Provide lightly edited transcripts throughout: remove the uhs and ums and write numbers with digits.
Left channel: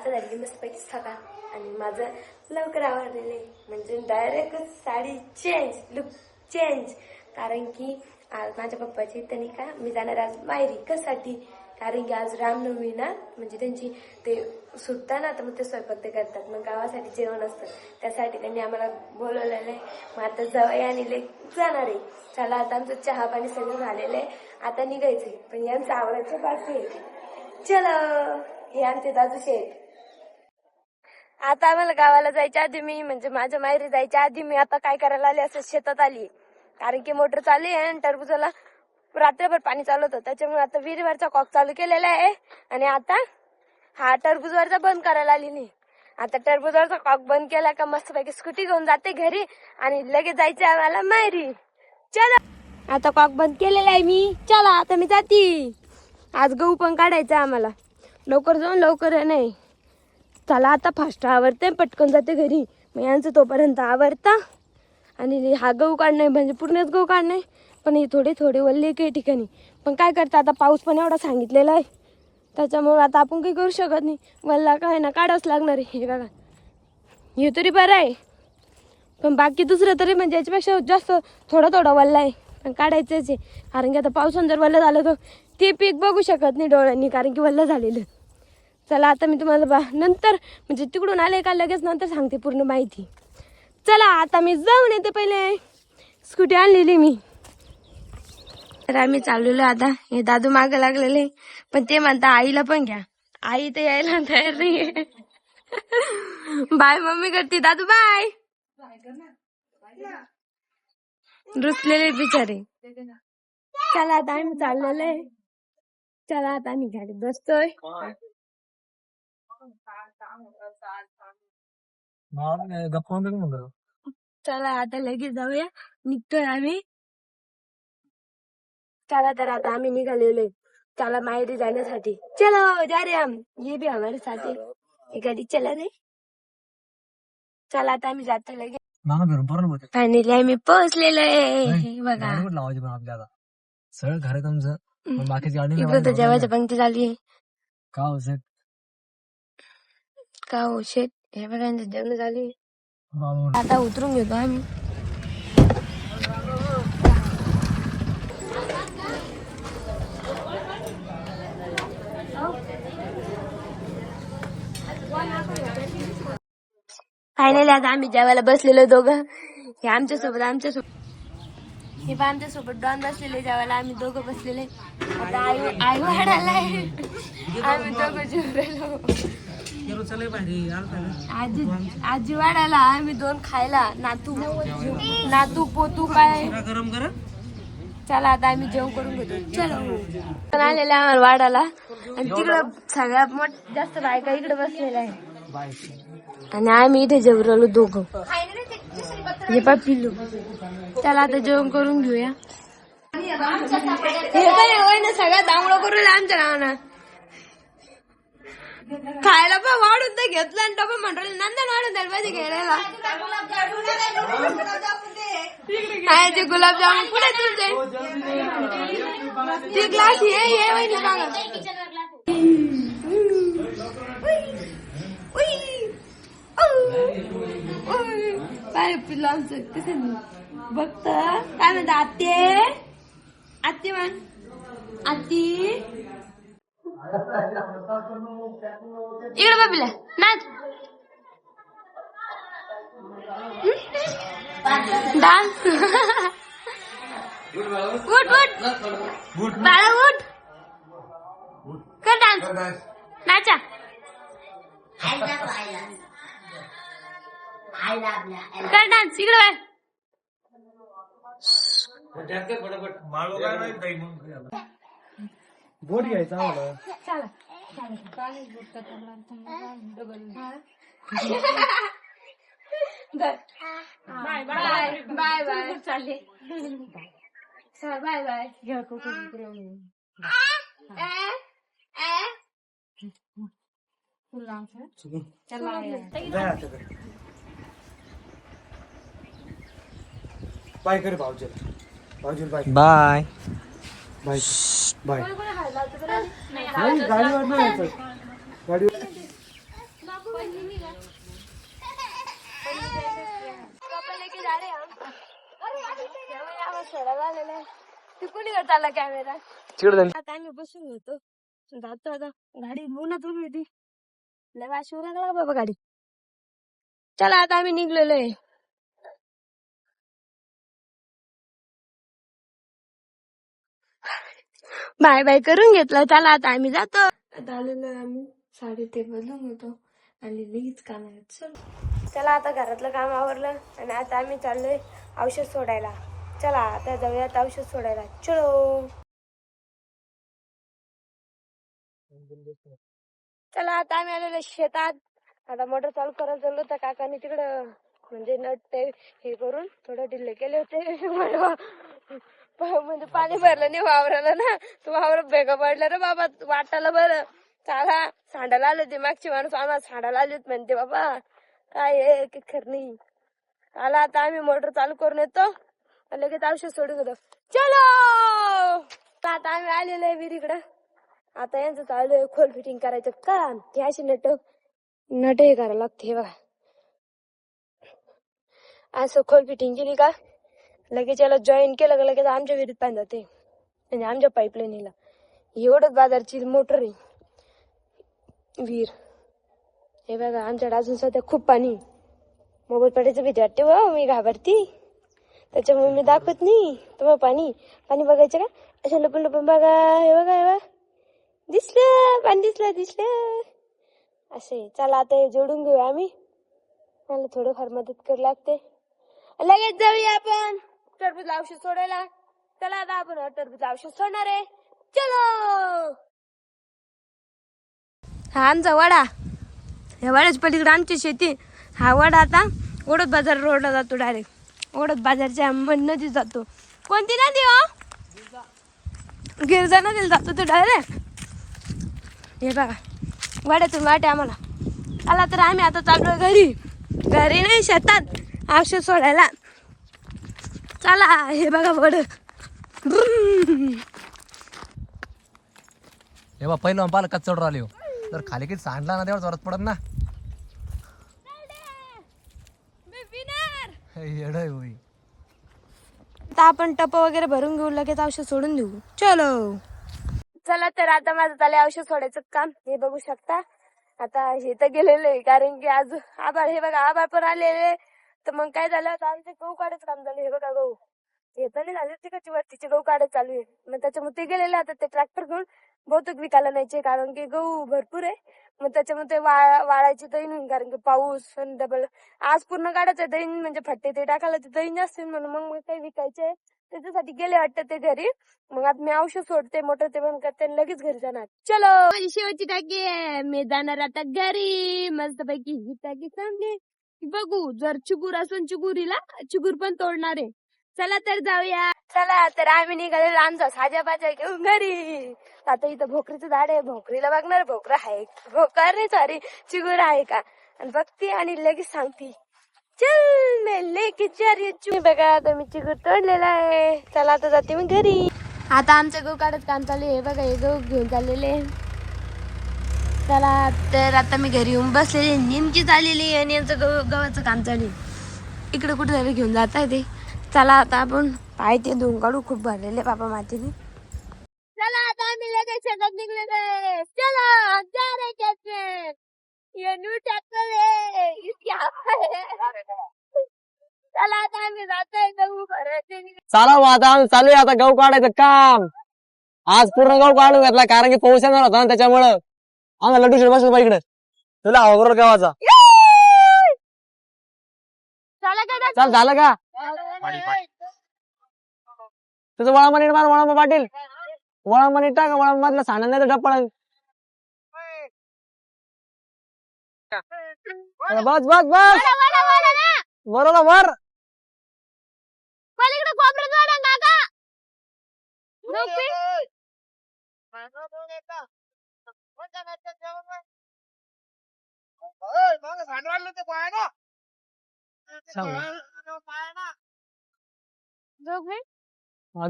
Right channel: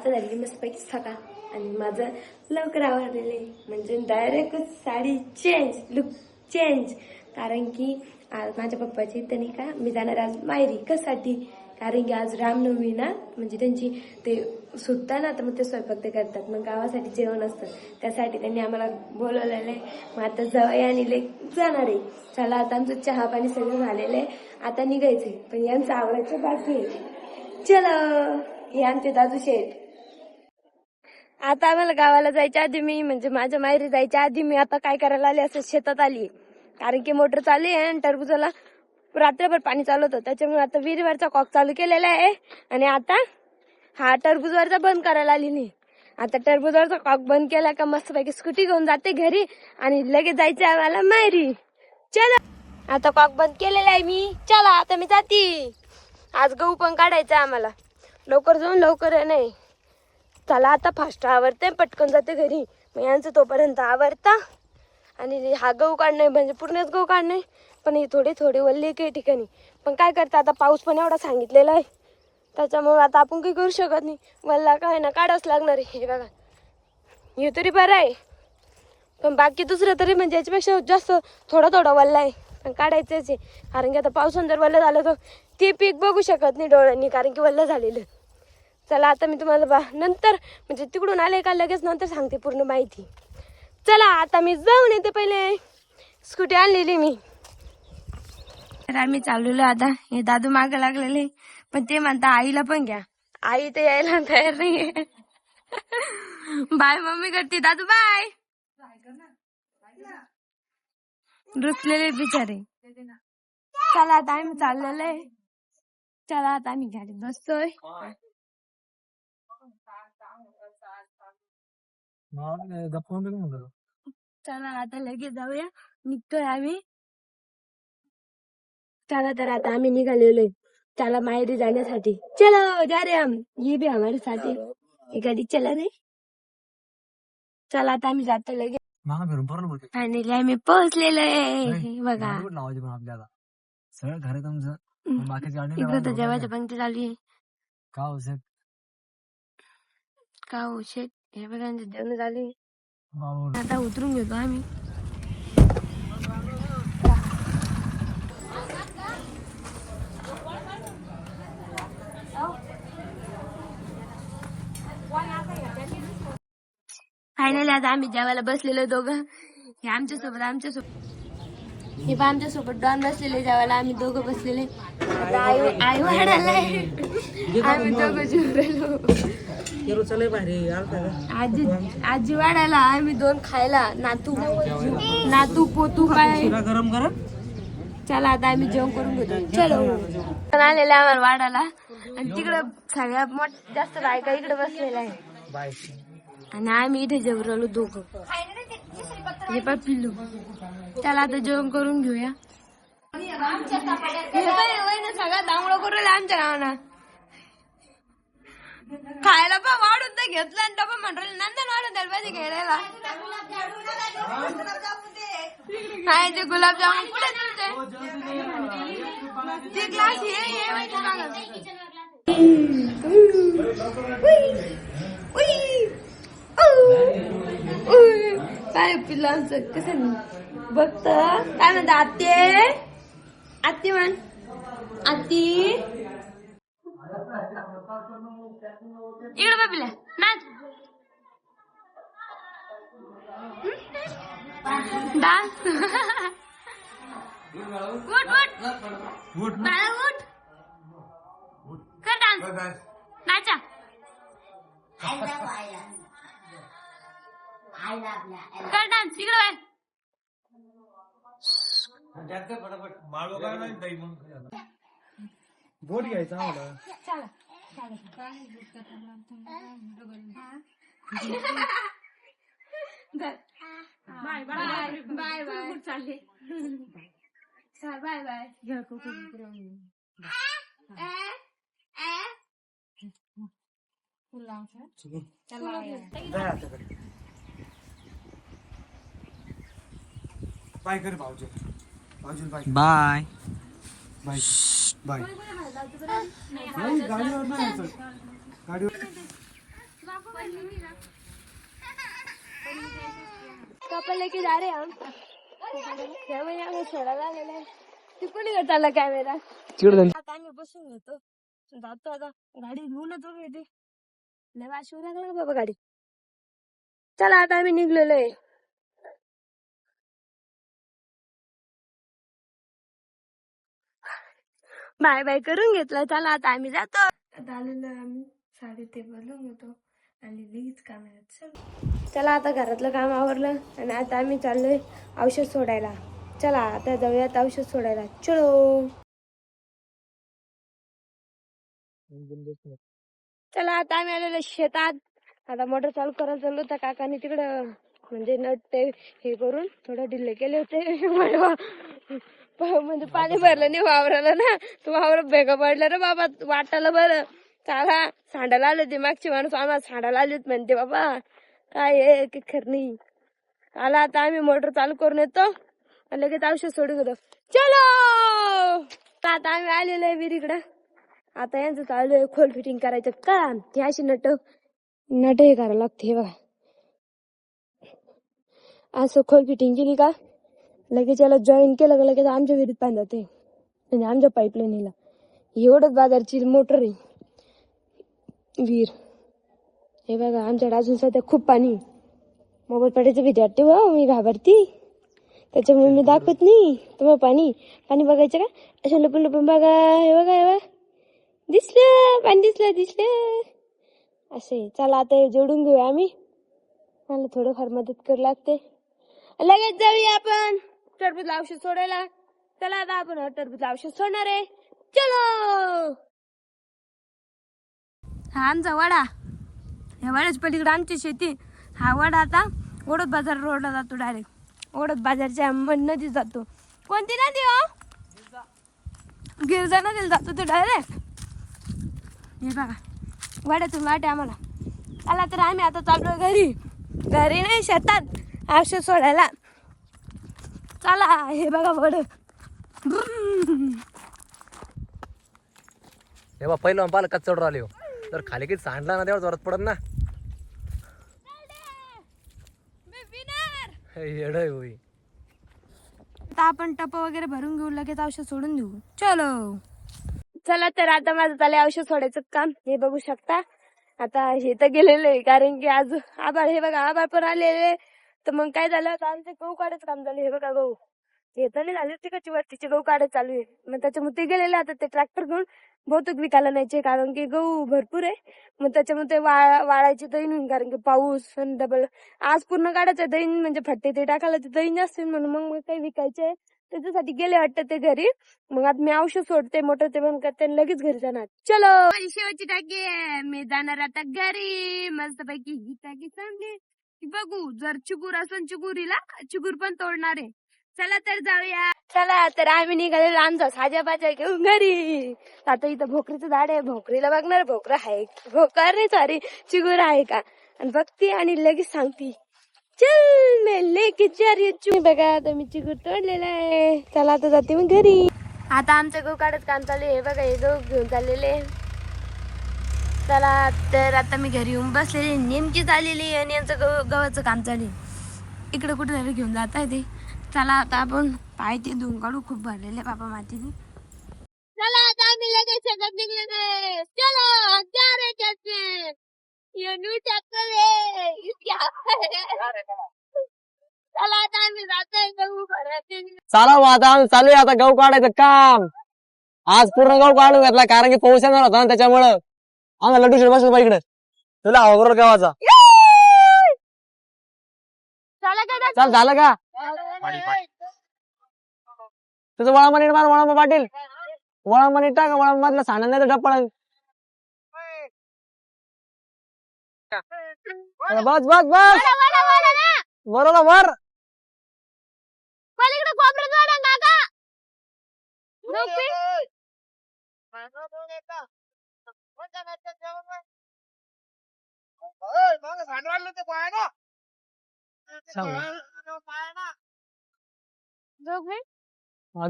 आता झाली मस्तपैकी सकाळ आणि माझं लवकर आवडलेलं आहे म्हणजे direct sari change look change. कारण की आज माझ्या पप्पाची त्यांनी का मी जाणार आज माहेरी कशासाठी कारण की आज रामनवमी ना म्हणजे त्यांची ते सुटता ना तर मग ते स्वयंपाक ते करतात मग गावासाठी जेवण असतं त्यासाठी त्यांनी आम्हाला बोलवलेलं आहे. मग आता जवळ आणि जाणार आहे. चला आता आमचं चहा पाणी सगळं झालेलं आहे आता निघायचंय पण यांचं आवडायचं बाकी आहे. चलो हे आमचे दादू शेठ. आता आम्हाला गावाला जायच्या आधी मी म्हणजे माझ्या माहेरी जायच्या आधी मी आता काय करायला आले असं शेतात आली कारण की मोटर चालू आहे आणि टरबुजाला रात्रभर पाणी चालू होतं त्याच्यामुळे आता विहिरीवरचा कॉक चालू केलेला आहे आणि आता हा टरबुजवरचा बंद करायला आली नाही. आता टरबुजवरचा कॉक बंद केला का मस्तपैकी स्कूटी घेऊन जाते घरी आणि लगेच जायचं आम्हाला माहेरी. चला आता कॉक बंद केलेला आहे मी. चला आता मी जाते. आज गहू पण काढायचा आम्हाला लवकर जाऊन लवकर नाही. चला आता फास्ट आवरते पटकन जाते घरी मग यांचं तोपर्यंत आवरता आणि हा गहू काढणे म्हणजे पूर्णच गहू काढणे पण हे थोडे थोडे वल्ले काही ठिकाणी पण काय करता आता पाऊस पण एवढा सांगितलेला आहे त्याच्यामुळे आता आपण काही करू शकत नाही. वल्ला काय ना काढावंच लागणार आहे. हे बघा हे तरी बरं आहे पण बाकी दुसरं तरी म्हणजे याच्यापेक्षा जास्त थोडा थोडा वल्ला आहे पण काढायचंच आहे कारण की आता पावसानं जर वल्लं झालं तर ते पीक बघू शकत नाही डोळ्यांनी कारण की वल्लं झालेलं. चला आता मी तुम्हाला नंतर म्हणजे तिकडून आले का लगेच नंतर सांगते पूर्ण माहिती. चला आता मी जाऊन येते पहिले स्कूटी आणलेली मी. तर आम्ही चाललेलो आता हे दादू मागं लागलेले पण ते म्हणता आईला पण घ्या आई तर यायला तयार नाहीये. बाय मम्मी करते दादू बाय रुसलेले बिचारे. चला आता आम्ही चाललेलो आहे. चला आता आम्ही गाडीत बसतोय. चला आता लगेच जाऊया निघतोय आम्ही. चला तर आता आम्ही निघालेलो आहे. चला माहेरी जाण्यासाठी. चलो जा रे हम ये भी हमारे साथ है ये गाडी चला रे. चला आता आम्ही जातो लगेच. फायनली आम्ही पोहोचलेलो आहे बघा. सगळं घर आहे तुमचं बाकीची गाडी इकडे तर जेवायची पंक्ती झाली आहे. का हो शेट का हो शेट हे बघा जेवण झाली आता उतरून घेतो आम्ही. फायनली आता आम्ही जेवायला बसलेलो दोघं. हे आमच्यासोबत हे पण आमच्यासोबत डॉन बसलेले जेवायला आम्ही दोघं बसलेले. आता आई वाढायला आम्ही दोघं जेवलेलो. आजी वाढायला आम्ही दोन खायला नातू पोतू काय. चला आता आम्ही जेवण करून घेतो. चलो आलेला आम्हाला वाढायला आणि तिकडं सगळ्यात जास्त बायका इकडे बसलेल्या आहे आणि आम्ही इथे जेवलो दोघं. हे पा पिल्लू. चला आता जेवण करून घेऊया. हे काय होय ना सगळ्यात दांगडं करून आमच्या नावानं खायला पण वाढून तर घेतलं आणि डबा म्हणतो नंतर वाढून द्यायला पाहिजे घ्यायला. ते गुलाबजामुन पुढे तुमचे ते ग्लास हे वहिनी बघा. काय पिल्लू आमचं कसं बघत काय म्हणता आत्ते म्हण आत्ती इकडे बाबीला नाच डान्स उठ उठ बाळा उठ कर डान्स नाचा कर डान्स इकडे बोट घ्यायचा आम्हाला. बाय बाय बाय बाय चालले बाय बाय. बाय कर भाऊजी बाय बाय बाय बाय. गाडीवर नाही गाडीवर लेके जा रहे हम सोडायला आलेला आहे. तू कुणी चालला कॅमेरा आता आम्ही बसून होतो जातो आता गाडी उन्हात उभी होती लय वाश येऊ लागला बाबा गाडी. चला आता आम्ही निघलेलो आहे. बाय बाय करून घेतलं. चला आता आम्ही जातो. आता आलेलो आम्ही साडी ते बदलून होतो आणि लगेच कामाला चल. चला आता घरातलं काम आवरलं आणि आता आम्ही चाललोय औषध सोडायला. चला आता जाऊयात औषध सोडायला. चलो चला आता आम्ही आलेलो शेतात. आता मोटर चालू करायला चाललो तर काकाने तिकडं म्हणजे नट ते हे करून थोडं ढिल्ले केले होते. म्हणजे पाणी भरलं नाही वावराला ना तो वावर भेगा पडला रे बाबा वाटायला. बरं चला सांडायला आले होते मागची माणूस आम्हाला सांडायला आले होते म्हणते बाबा काय आहे की खरं नाही. चला आता आम्ही मोटर चालू करून येतो लगेच औषध सोडून येतो. चलो आता आम्ही आलेलो आहे विहिरीकडं. आता यांचं चालू आहे खोल फिटिंग करायचं काम. ते अशी नट हे करायला लागते हे बघा. असं खोल फिटिंग केली का लगेच याला जॉईन केलं का लगेच आमच्या विहिरीत पाणी जाते म्हणजे आमच्या पाईपलाईनीला. एवढंच बाजारची मोटर आहे विहीर. हे बघा आमच्याकडे अजून सध्या खूप पाणी. मोबाईल पडायचं भीती वाटते व मी घाबरती त्याच्यामुळे मी दाखवत नाही तुम्हाला. पाणी पाणी बघायचं का असं लपून लपून बघा. हे बघा हे बघा दिसलं पाणी दिसलं असे. चला आता हे जोडून घेऊया आम्ही. मला थोडंफार मदत करू लागते. लगेच जाऊया आपण टरबूज औषध सोडायला. चला आता आपण टरबूज औषध सोडणार आहे. चलो हा आमचा वडा. ह्या वाड्याच्या पलीकडे आमची शेती. हा वडा आता ओढत बाजार रोडला जातो डायरेक्ट. ओढत बाजारच्या नदीत जातो. कोणती नदी हो? गिरजा नदीला जातो तो डायरेक्ट. हे बघा वाड्यातून वाटे आम्हाला. आला तर आम्ही आता चाललो घरी नाही शेतात औषध सोडायला. चला हे बघा वड. हे बा पहिलं पाहिलं कच चढ राहिले तर खाली किती सांडला ना तेवढं जोरात पडत ना. येड होई. आता आपण टप वगैरे भरून घेऊ लगेच औषध सोडून देऊ. चलो चला तर आता माझं चाललंय औषध सोडायचं काम. हे बघू शकता आता हे तर गेलेलं आहे कारण की आज आभाळ. हे बघा आभाळ पण आलेले. तर मग काय झालं आता आमचे गहू काढायचं काम झालं. हे बघा गहू हे तर नाही झाले तिकडची वरतीचे गहू काढायचं चालू आहे. मग त्याच्यामुळे ते गेलेले आता ते ट्रॅक्टर घेऊन बहुतेक विकायला न्यायचे कारण की गहू भरपूर आहे. मग त्याच्यामुळे ते वाळायची दैन होईल कारण की पाऊस आणि डबल आज पूर्ण काढायचं दैन म्हणजे फट्टे ते टाकायला ते दैन जास्त म्हणून मग काही विकायचे त्याच्यासाठी गेले वाटतं ते घरी. मग आता मी औषध सोडते मोटर ते बंद करते आणि लगेच घरी जाणार. चलो माझी शेवटची टाकी आहे. मी जाणार आता घरी मस्त पैकी ही टाकी चांगली बघू. जर चिगूर असून चिगूर पण तोडणार आहे. चला तर जाऊया. चला तर आम्ही निघालेलो आमचा साजा बाजा घेऊन घरी. आता इथं भोकरीचं झाड आहे. भोकरीला बघणार भोकर आहे भोकर नाही सॉरी चिगूर आहे का आणि बघते आणि लगेच सांगते चल मैं लेके जा रही हूं. बघा आता मी चिगूर तोडलेला आहे. चला आता जाते मी घरी. आता आमचं गहू काढत काम चालू आहे. बघा हे गहू घेऊन चाललेले. चला तर आता मी घरी येऊन बसलेले नेमकीच आलेली आणि यांचं गव्हाचं काम चालू आहे. इकडे कुठे तरी घेऊन जात आहे ते. चला आता आपण पाय ते धुवून काढू. खूप भरलेले बाबा मातीने. चला आता आम्ही लगेच शेतात निघलेले. चला जा रे ट्रॅक्टर ये न्यू ट्रॅक्टर आहे इसकी चला आता आम्ही जातोय गहू भरायचे. चला मग आता आम्ही चालू आहे आता गहू काढायचं काम. आज पूर्ण गहू काढून घेतला कारण की पाऊस येणार होता ना त्याच्यामुळं. आम्हाला लड्डू शेट बसलो इकडे तुला हवा गावाचा. चल झालं का तुझं वळा मनी मार. वळा पाटील वळा मनी टाक. वळा मधला सांडा नाही तर डप्पा. बस बस बस बरोबर वर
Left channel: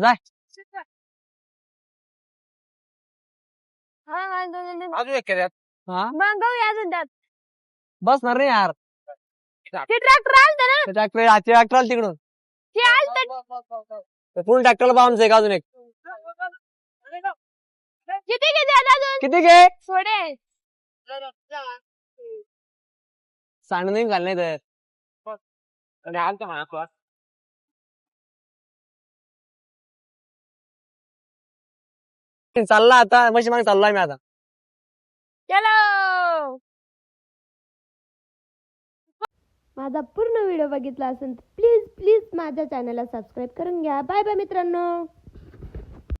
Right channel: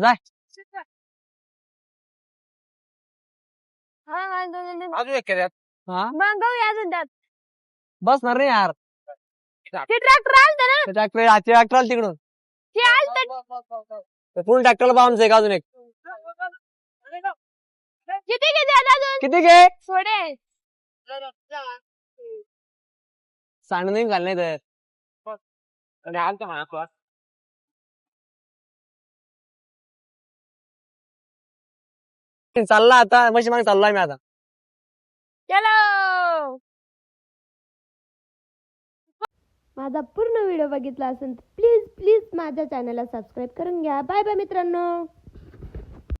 जाय हा अजून एक मग गहू अजून त्यात बसणार नाही यार. ते ट्रॅक्टर आलत ना, ट्रॅक्टर आलं तिकडून. ते आलत. फुल ट्रॅक्टरला बामचं एक अजून एक. किती घेते अजून? किती घे थोडे. सांड नाही घाल नाही तर. चालला आता मशी मागे चाललोय मी आता. चलो. माझा पूर्ण व्हिडिओ बघितला असेल तर प्लीज प्लीज माझ्या चॅनलला सबस्क्राईब करून घ्या. बाय बाय मित्रांनो.